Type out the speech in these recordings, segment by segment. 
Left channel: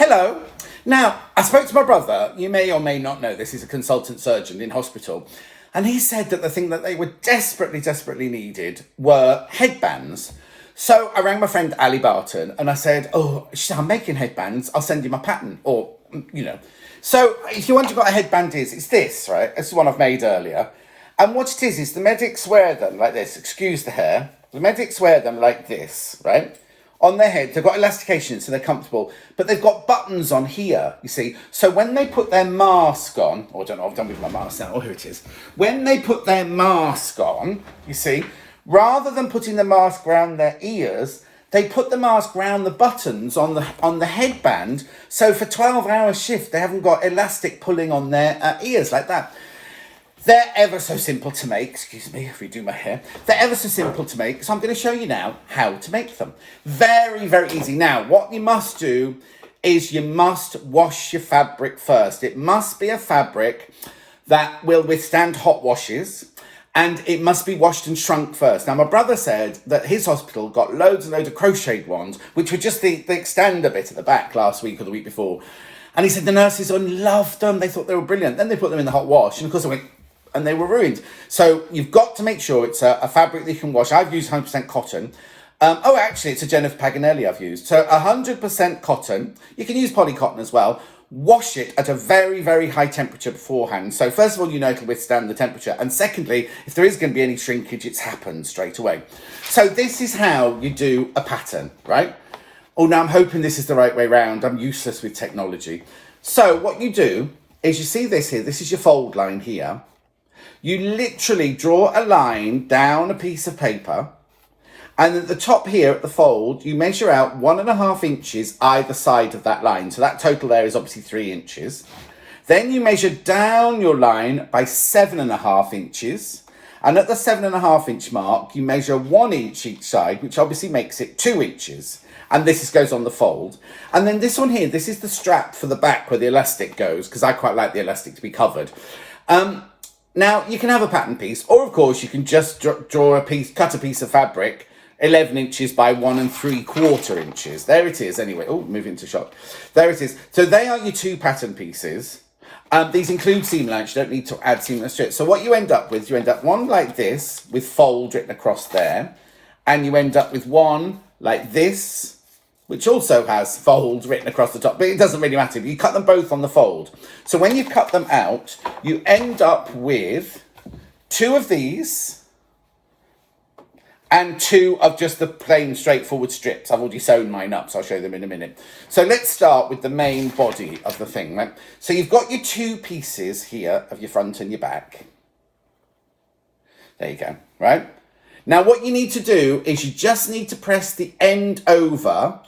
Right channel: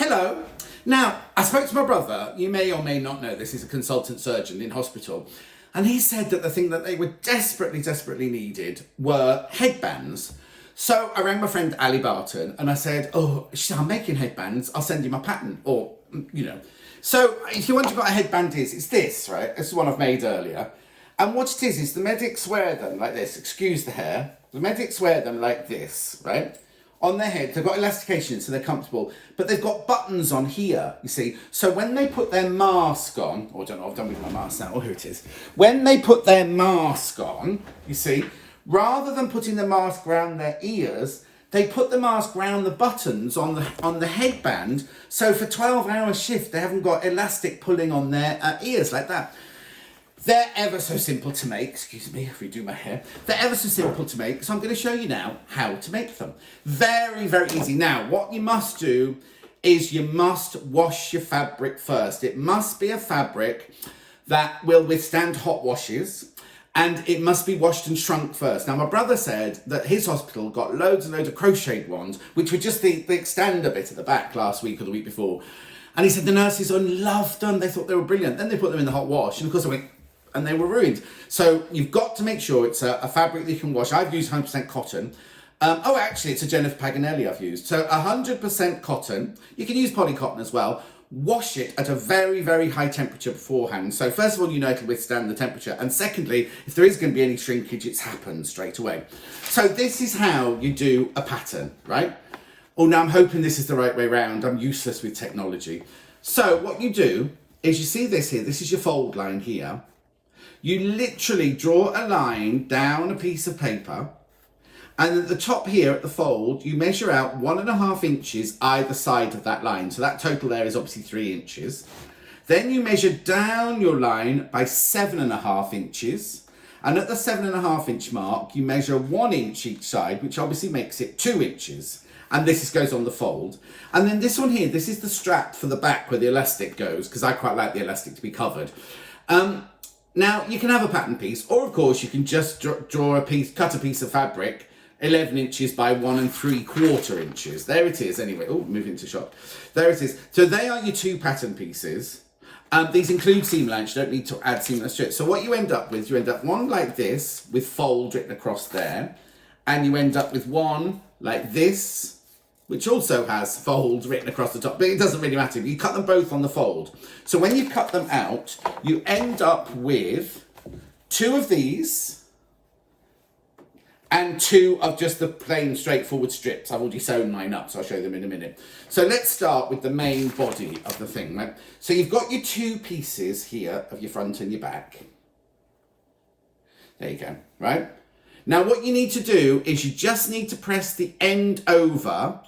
Hello. Now, I spoke to my brother. You may or may not know this. He's a consultant surgeon in hospital. And he said that the thing that they were desperately needed were headbands. So I rang my friend Ali Barton and I said, she said, I'm making headbands. I'll send you my pattern or, So if you wonder what a headband is, it's this, right? This is one I've made earlier. And what it is the medics wear them like this. Excuse the hair. The medics wear them like this, right? On their head, they've got elastication, so they're comfortable, but they've got buttons on here, you see. So when they put their mask on, or I don't know, I've done with my mask now, here it is. When they put their mask on, you see, rather than putting the mask around their ears, they put the mask around the buttons on the headband, so for 12-hour shift, they haven't got elastic pulling on their ears like that. They're ever so simple to make. Excuse me if we do my hair. They're ever so simple to make. So I'm going to show you now how to make them. Very easy. Now, what you must do is you must wash your fabric first. It must be a fabric that will withstand hot washes. And it must be washed and shrunk first. Now, my brother said that his hospital got loads and loads of crocheted ones, which were just the extender bit at the back last week or the week before. And he said the nurses loved them. They thought they were brilliant. Then they put them in the hot wash. And of course, and they were ruined. So you've got to make sure it's a fabric that you can wash. I've used 100% cotton. Actually, it's a Jennifer Paganelli I've used. So 100% cotton. You can use polycotton as well. Wash it at a very high temperature beforehand. So first of all, you know it'll withstand the temperature. And secondly, if there is going to be any shrinkage, it's happened straight away. So this is how you do a pattern, right? Oh, now I'm hoping this is the right way round. I'm useless with technology. So what you do is you see this here. This is your fold line here. You literally draw a line down a piece of paper, and at the top here at the fold, you measure out 1.5 inches either side of that line. So that total there is obviously 3 inches. Then you measure down your line by 7.5 inches. And at the 7.5 inch mark, you measure 1 inch each side, which obviously makes it 2 inches. And this goes on the fold. And then this one here, this is the strap for the back where the elastic goes, because I quite like the elastic to be covered. Now, you can have a pattern piece, or of course, you can just cut a piece of fabric 11 inches by 1 3/4 inches. There it is, anyway. Oh, move into shot. There it is. So they are your 2 pattern pieces. These include seam allowance. You don't need to add seam allowance to it. So what you end up with, one like this with fold written across there, and you end up with one like this, which also has fold written across the top, but it doesn't really matter. You cut them both on the fold. So when you cut them out, you end up with 2 of these and 2 of just the plain straightforward strips. I've already sewn mine up, so I'll show them in a minute. So let's start with the main body of the thing, right? So you've got your 2 pieces here of your front and your back. There you go, right? Now what you need to do is you just need to press the end over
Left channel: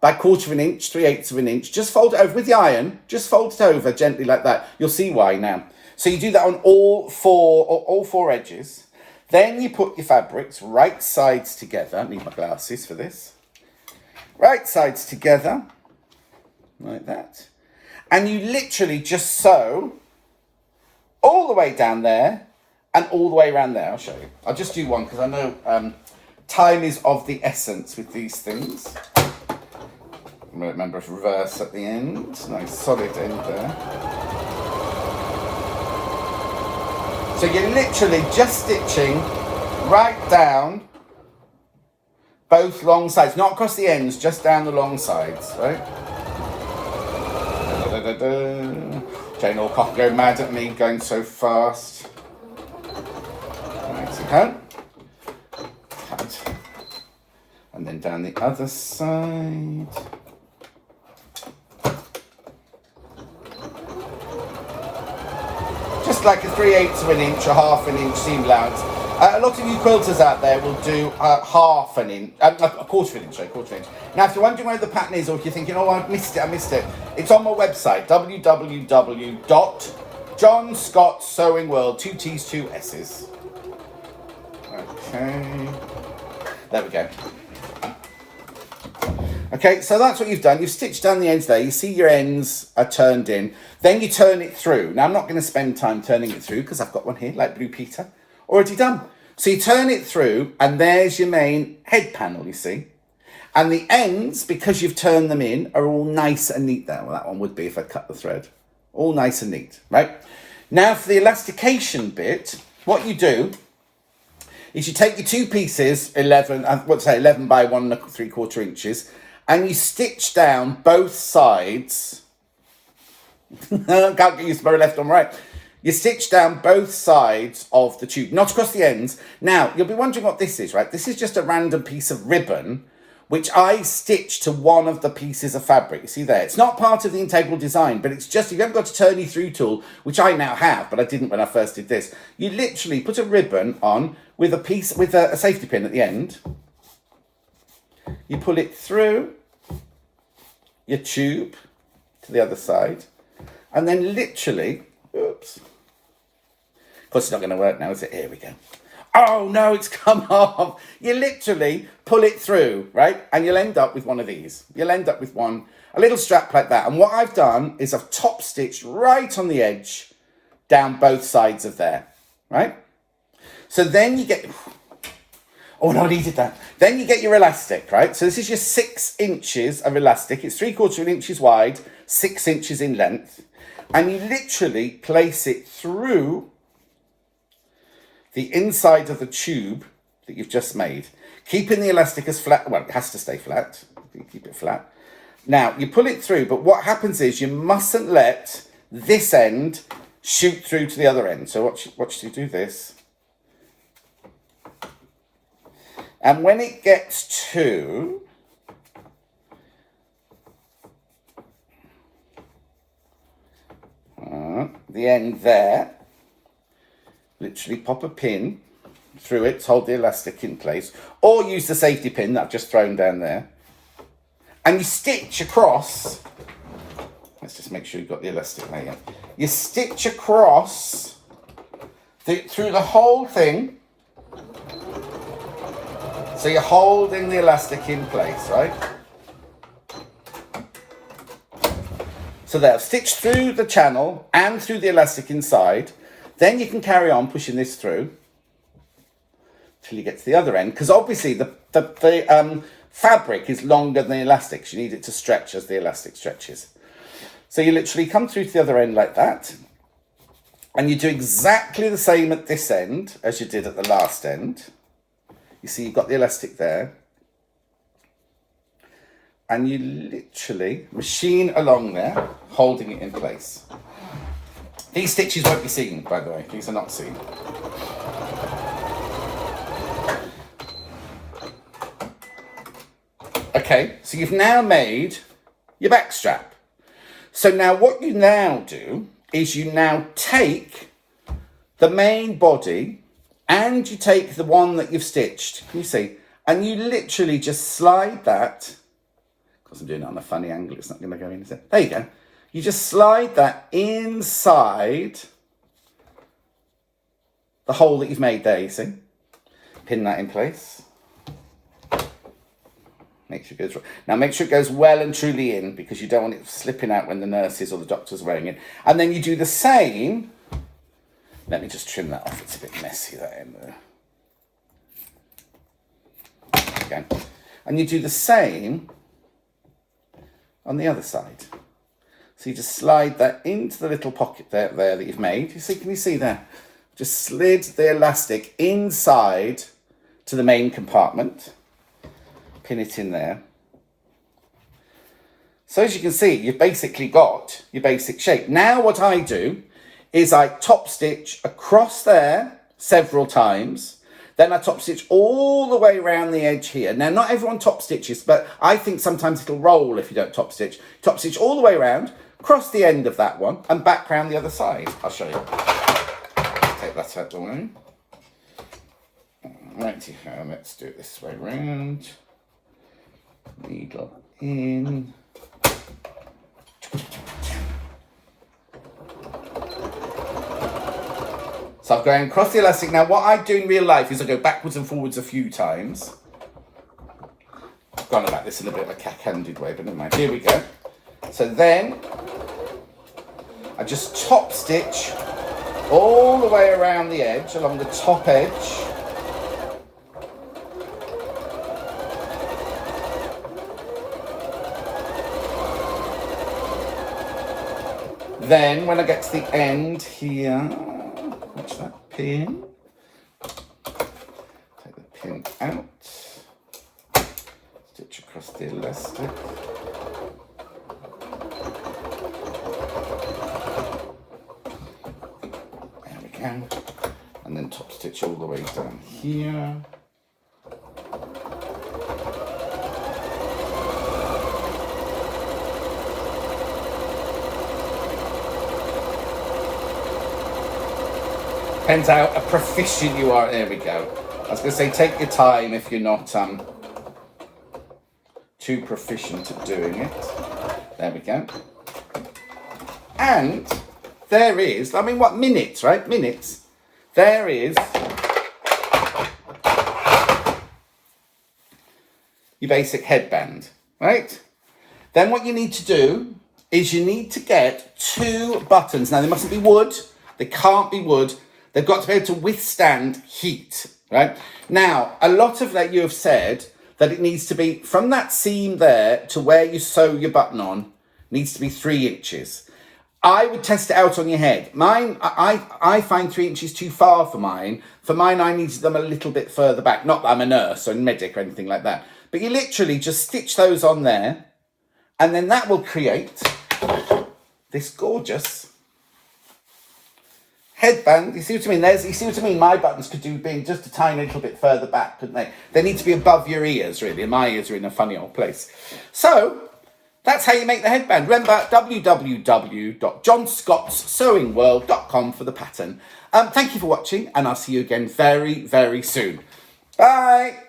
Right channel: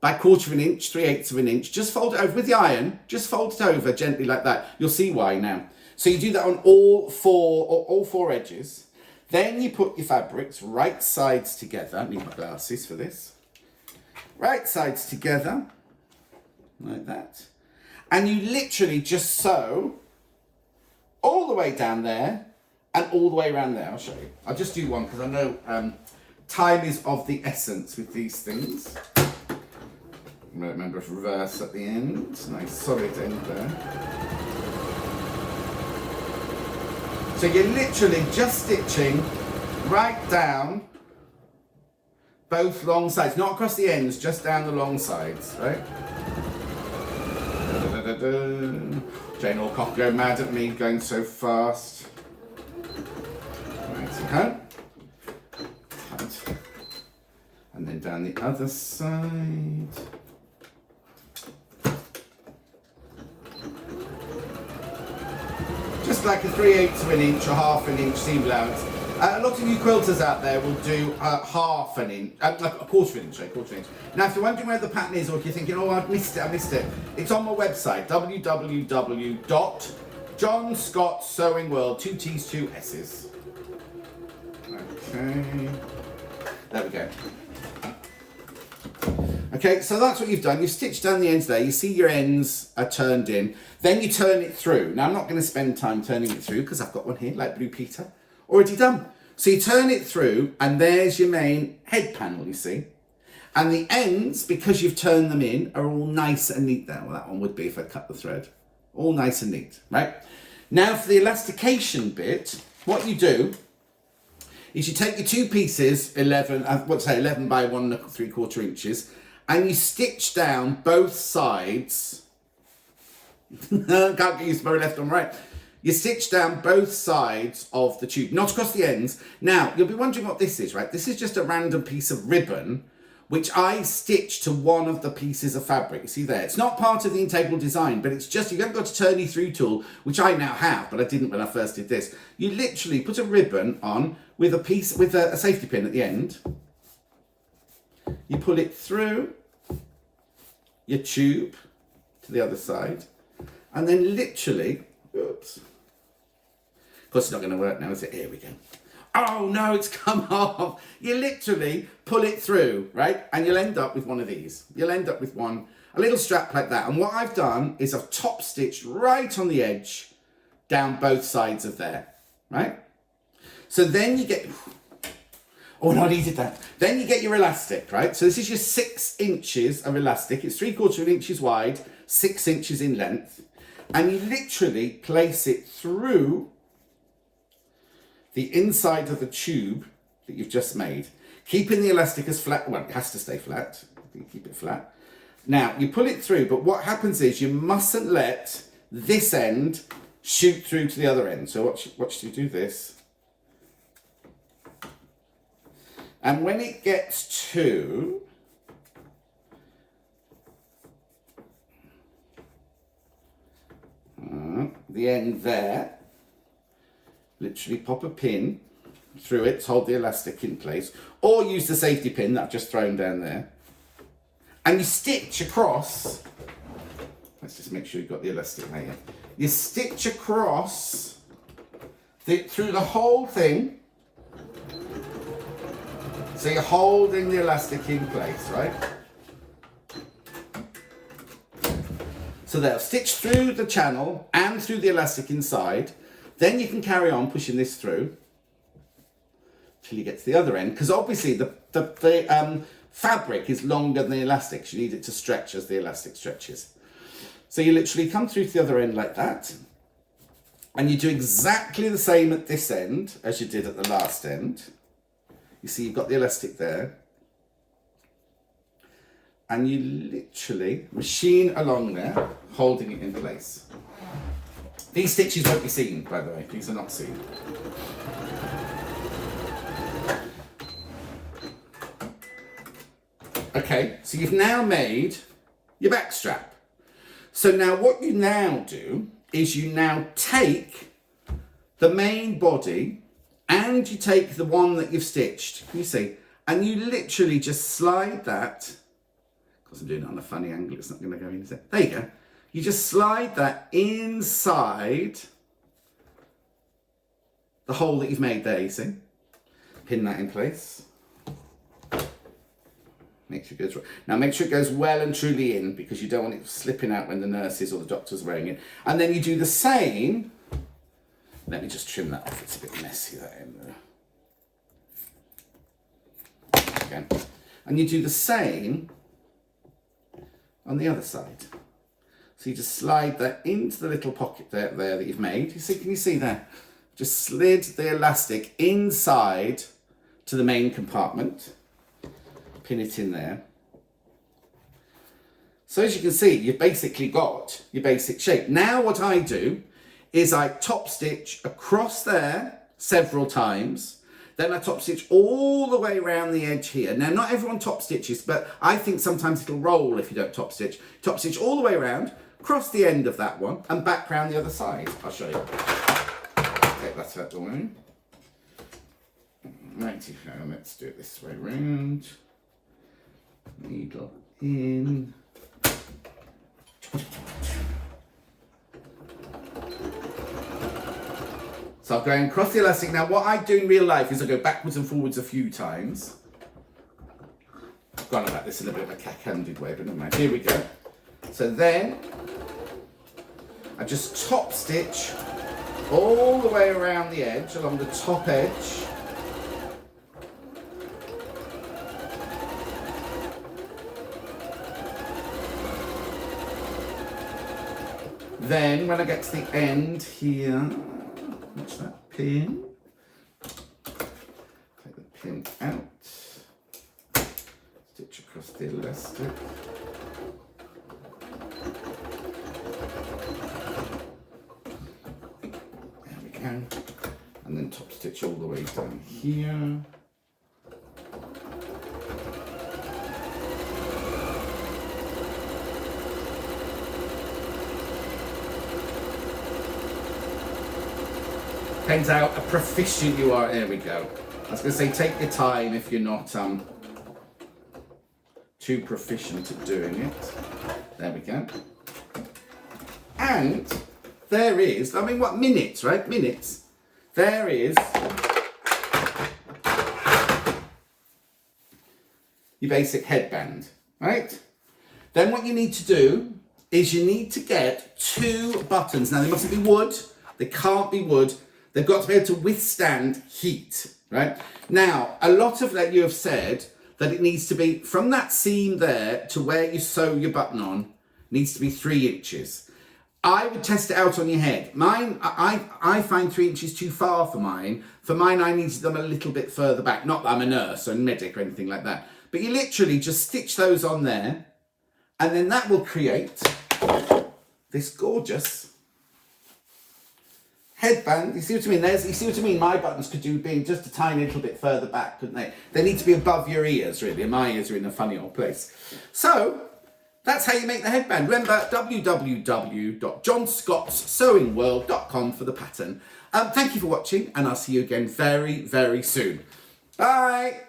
by 1/4 inch, 3/8 of an inch. Just fold it over with the iron. Just fold it over gently like that. You'll see why now. So you do that on all 4 edges. Then you put your fabrics right sides together. I need my glasses for this. Right sides together, like that. And you literally just sew all the way down there and all the way around there. I'll show you. I'll just do one because I know time is of the essence with these things. Remember, reverse at the end. Nice solid end there. So you're literally just stitching right down both long sides, not across the ends, just down the long sides, right? Jane Alcock going mad at me going so fast. Right, and then down the other side. Just like a 3/8 of an inch or 1/2 an inch seam allowance. A lot of you quilters out there will do 1/2 an inch, a 1/4 an inch, Now, if you're wondering where the pattern is, or if you're thinking, oh, I missed it, it's on my website, www.johnscottsewingworld, 2 T's, 2 S's. Okay, there we go. Okay, so that's what you've done. You've stitched down the ends there. You see your ends are turned in. Then you turn it through. Now, I'm not going to spend time turning it through because I've got one here, like Blue Peter. Already done. So you turn it through, and there's your main head panel, you see. And the ends, because you've turned them in, are all nice and neat there. Well, that one would be if I cut the thread. All nice and neat, right? Now for the elastication bit, what you do is you take your two pieces, 11 by 1¾ inches, and you stitch down both sides. Can't get used to my left or my right. You stitch down both sides of the tube, not across the ends. Now, you'll be wondering what this is, right? This is just a random piece of ribbon, which I stitched to one of the pieces of fabric. You see there? It's not part of the integral design, but it's just, you haven't got a turny through tool, which I now have, but I didn't when I first did this. You literally put a ribbon on with a safety pin at the end. You pull it through your tube to the other side, and then literally, oops. Of course, it's not going to work now, is it? Here we go. Oh no, it's come off. You literally pull it through, right? And you'll end up with one of these. You'll end up with a little strap like that. And what I've done is I've top stitched right on the edge down both sides of there, right? So then you get, oh no, I needed that. Then you get your elastic, right? So this is your 6 inches of elastic. It's 3/4 inches wide, 6 inches in length. And you literally place it through the inside of the tube that you've just made, keeping the elastic as flat. Well, it has to stay flat. You keep it flat. Now, you pull it through, but what happens is you mustn't let this end shoot through to the other end. So watch you do this. And when it gets to the end there, literally pop a pin through it to hold the elastic in place, or use the safety pin that I've just thrown down there, and you stitch across. Let's just make sure you've got the elastic layer. You stitch across through the whole thing, so you're holding the elastic in place, right? So there, I've stitched through the channel and through the elastic inside. Then you can carry on pushing this through till you get to the other end, because obviously the fabric is longer than the elastic. So you need it to stretch as the elastic stretches. So you literally come through to the other end like that, and you do exactly the same at this end as you did at the last end. You see you've got the elastic there, and you literally machine along there, holding it in place. These stitches won't be seen, by the way. These are not seen. Okay, so you've now made your back strap. So now what you now do is you now take the main body and you take the one that you've stitched. Can you see? And you literally just slide that. Because I'm doing it on a funny angle, it's not going to go in, is it? There you go. You just slide that inside the hole that you've made there, you see? Pin that in place. Make sure it goes, now make sure it goes well and truly in, because you don't want it slipping out when the nurses or the doctor's wearing it. And then you do the same. Let me just trim that off, it's a bit messy, that in there. Okay. And you do the same on the other side. So you just slide that into the little pocket there that you've made. You see, can you see there? Just slid the elastic inside to the main compartment. Pin it in there. So as you can see, you've basically got your basic shape. Now what I do is I top stitch across there several times. Then I top stitch all the way around the edge here. Now, not everyone top stitches, but I think sometimes it'll roll if you don't top stitch. Top stitch all the way around, cross the end of that one, and back round the other side. I'll show you. Take that out the way. Righty, let's do it this way round. Needle in. So I'm going across the elastic. Now what I do in real life is I go backwards and forwards a few times. I've gone about this in a bit of a cack-handed way, but never mind. Here we go. So then I just top stitch all the way around the edge, along the top edge. Then when I get to the end here, watch that pin. Take the pin out. Stitch across the elastic. There we go. And then top stitch all the way down here. Depends how proficient you are. There we go. I was going to say, take your time if you're not too proficient at doing it. There we go. And there is, I mean, what, minutes, right? Minutes. There is your basic headband, right? Then what you need to do is you need to get 2 buttons. Now, they mustn't be wood. They can't be wood. They've got to be able to withstand heat, right? Now, a lot of that you have said that it needs to be from that seam there to where you sew your button on needs to be 3 inches. I would test it out on your head. Mine, I find 3 inches too far for mine. For mine, I needed them a little bit further back. Not that I'm a nurse or a medic or anything like that. But you literally just stitch those on there. And then that will create this gorgeous headband. You see what I mean? You see what I mean? My buttons could do being just a tiny little bit further back, couldn't they? They need to be above your ears, really. And my ears are in a funny old place. So that's how you make the headband. Remember, www.johnscottssewingworld.com for the pattern. Thank you for watching, and I'll see you again very, very soon. Bye.